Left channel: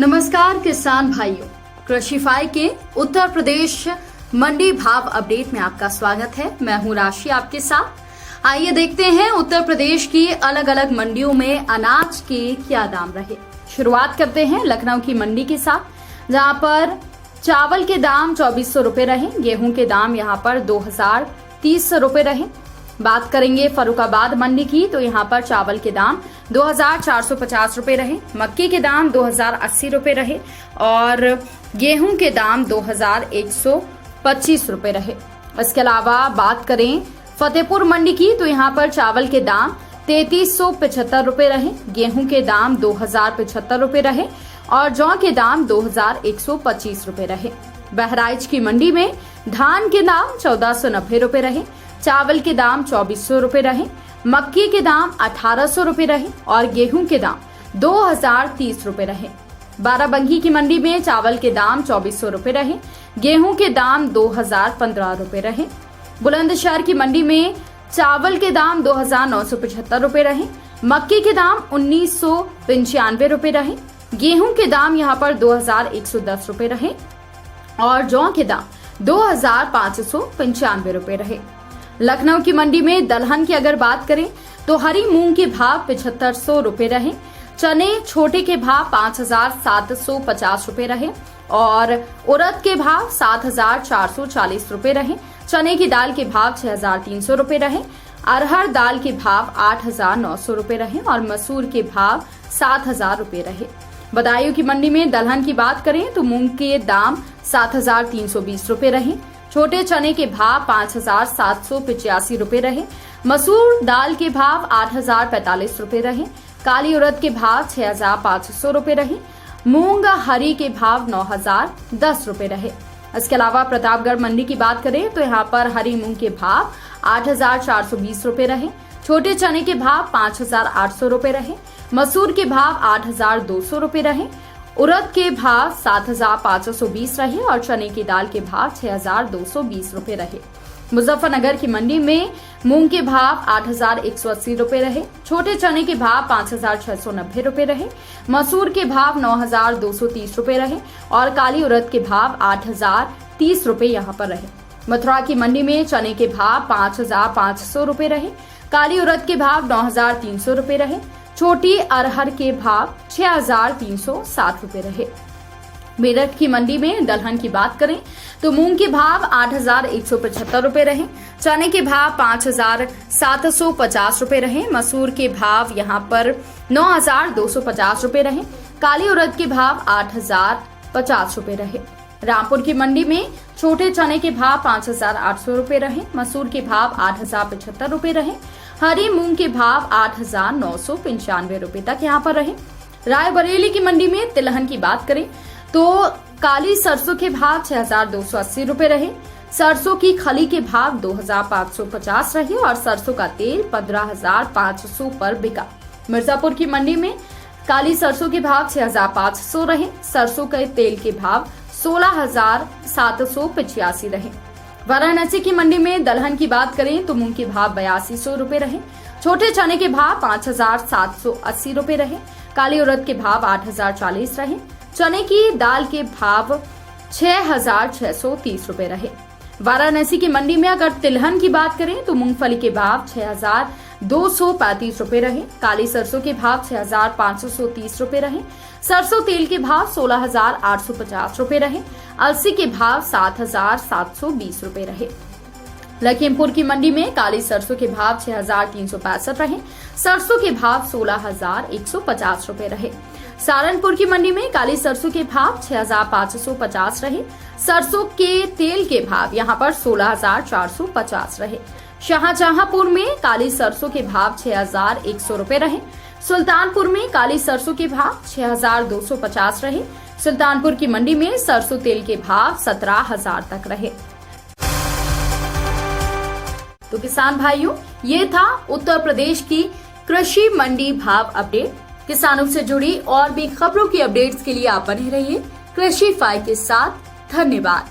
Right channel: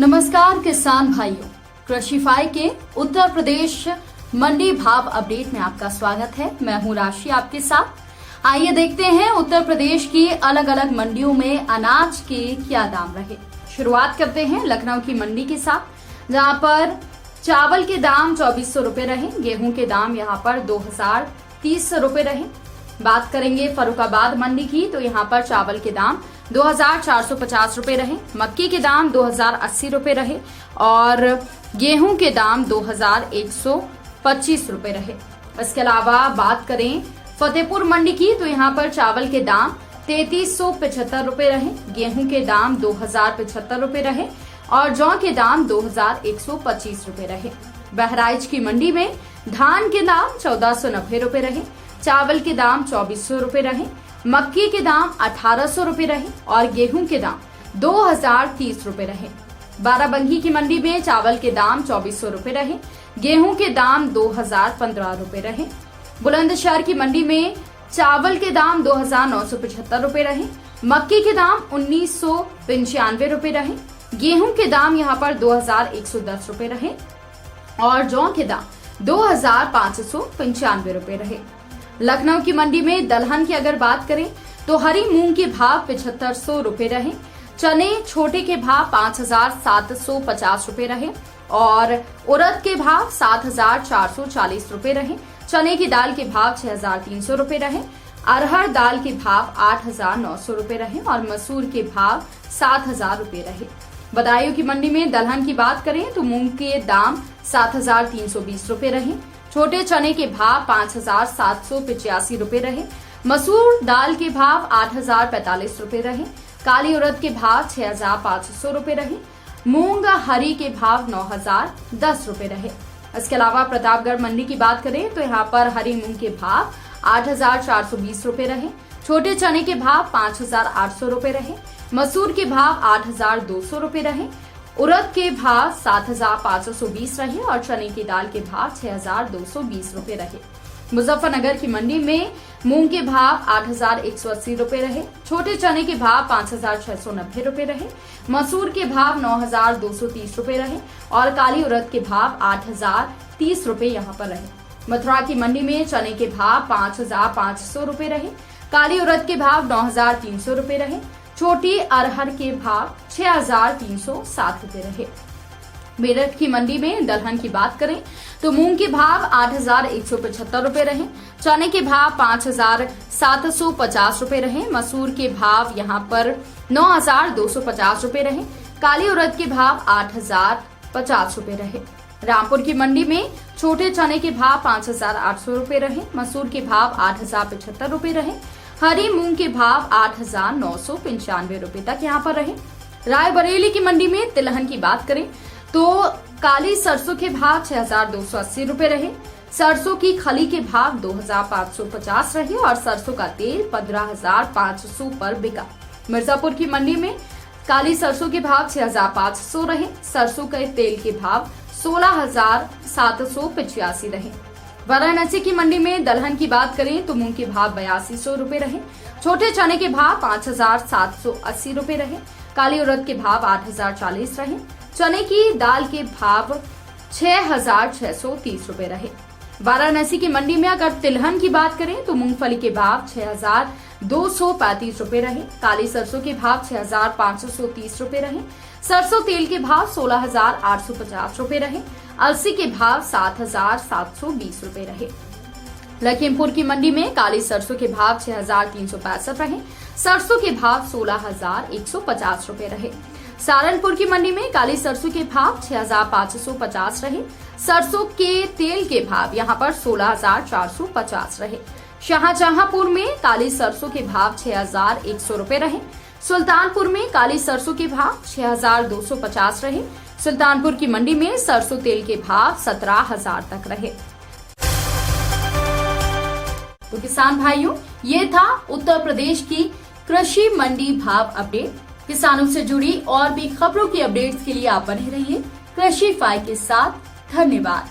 नमस्कार किसान भाइयों, कृषिफाई के उत्तर प्रदेश मंडी भाव अपडेट में आपका स्वागत है। मैं हूं राशि आपके साथ। आइए देखते हैं उत्तर प्रदेश की अलग अलग मंडियों में अनाज के क्या दाम रहे। शुरुआत करते हैं लखनऊ की मंडी के साथ, जहां पर चावल के दाम 2400 रुपए रहे। गेहूं के दाम यहां पर 2030 रुपए रहे। बात करेंगे फर्रुखाबाद मंडी की, तो यहाँ पर चावल के दाम 2450 रुपए रहे। मक्की के दाम 2080 रुपए रहे और गेहूं के दाम 2125 रुपए रहे। इसके अलावा बात करें फतेहपुर मंडी की, तो यहाँ पर चावल के दाम 3375 रुपए रहे। गेहूं के दाम 2075 रुपए रहे और जौ के दाम 2125 रुपए रहे। बहराइच की मंडी में धान के दाम 1490 रुपए रहे। चावल के दाम 2400 रुपए रहे। मक्की के दाम 1800 रुपए रहे और गेहूं के दाम 2030 रुपए रहे। बाराबंकी की मंडी में चावल के दाम 2400 रुपए रहे। गेहूं के दाम 2015 रुपए रहे। बुलंदशहर की मंडी में चावल के दाम 2975 रुपए रहे। मक्की के दाम 1995 रुपए रहे। गेहूं के दाम यहाँ पर 2110 रुपए रहे और जौ के दाम 2595 रुपए रहे। लखनऊ की मंडी में दलहन की अगर बात करें तो हरी मूंग के भाव 7500 रुपए रहे। चने छोटे के भाव 5750 रुपए रहे और उड़द के भाव 7440 रुपए रहे। चने की दाल के भाव 6300 रुपए रहे। अरहर दाल के भाव 8900 रुपए रहे और मसूर के भाव 7000 रुपए रहे। बदायूं की मंडी में दलहन की बात करें तो मूंग के दाम 7320 रुपए रहे। छोटे चने के भाव 5785 रुपए रहे। मसूर दाल के भाव 8045 रुपए रहे। काली उड़द के भाव 6500 रुपए रहे। मूंग हरी के भाव 9010 रुपए रहे। इसके अलावा प्रतापगढ़ मंडी की बात करें तो यहाँ पर हरी मूंग के भाव 8420 रुपए रहे। छोटे चने के भाव 5800 रुपए रहे। मसूर के भाव 8200 रुपए रहे। उड़द के भाव 7520 रहे और चने की दाल के भाव 6220 रुपए रहे। मुजफ्फरनगर की मंडी में मूंग के भाव 8180 रुपए रहे। छोटे चने के भाव 5690 रुपए रहे। मसूर के भाव 9230 रुपए रहे और काली उड़द के भाव 8030 रुपए यहाँ पर रहे। मथुरा की मंडी में चने के भाव 5500 रुपए रहे। काली उड़द के भाव 9300 रुपए रहे। छोटी अरहर के भाव 6360 रुपए रहे। मेरठ की मंडी में दलहन की बात करें तो मूंग के भाव 8175 रुपए रहे। चने के भाव 5750 रुपए रहे। मसूर के भाव यहाँ पर 9250 रुपए रहे। काली उड़द के भाव 8050 रुपए रहे। रामपुर की मंडी में छोटे चने के भाव 5800 रुपए रहे। मसूर के भाव 8075 रुपए रहे। हरी मूंग के भाव 8995 रुपए तक यहाँ पर रहे। रायबरेली की मंडी में तिलहन की बात करें तो काली सरसों के भाव 6280 रुपए रहे। सरसों की खली के भाव 2550 रहे और सरसों का तेल 15500 पर बिका। मिर्जापुर की मंडी में काली सरसों के भाव 6500 रहे। सरसों के तेल के भाव 16785 रहे। वाराणसी की मंडी में दलहन की बात करें तो मूंग के भाव 8200 रुपए रहे। छोटे चने के भाव 5780 रुपए रहे। काली उड़द के भाव 8040 रहे। चने की दाल के भाव 6630 रुपए रहे। वाराणसी की मंडी में अगर तिलहन की बात करें तो मूंगफली के भाव 6235 रुपए रहे। काली सरसों के भाव 6530 रुपए रहे। सरसों तेल के भाव 16850 रुपए रहे। अलसी के भाव 7720 रुपए रहे। लखीमपुर की मंडी में काली सरसों के भाव 6365 रहे। सरसों के भाव 16150 रुपए रहे। सहारनपुर की मंडी में काली सरसों के भाव 6550 रहे। सरसों के तेल के भाव यहाँ पर 16450 रहे। शाहजहांपुर में काली सरसों के भाव 6100 रुपए रहे। सुल्तानपुर में काली सरसों के भाव 6250 रहे। सुल्तानपुर की मंडी में सरसों तेल के भाव 17000 तक रहे। तो किसान भाइयों, ये था उत्तर प्रदेश की कृषि मंडी भाव अपडेट। किसानों से जुड़ी और भी खबरों की अपडेट्स के लिए आप बने रहिए कृषिफाई के साथ। धन्यवाद।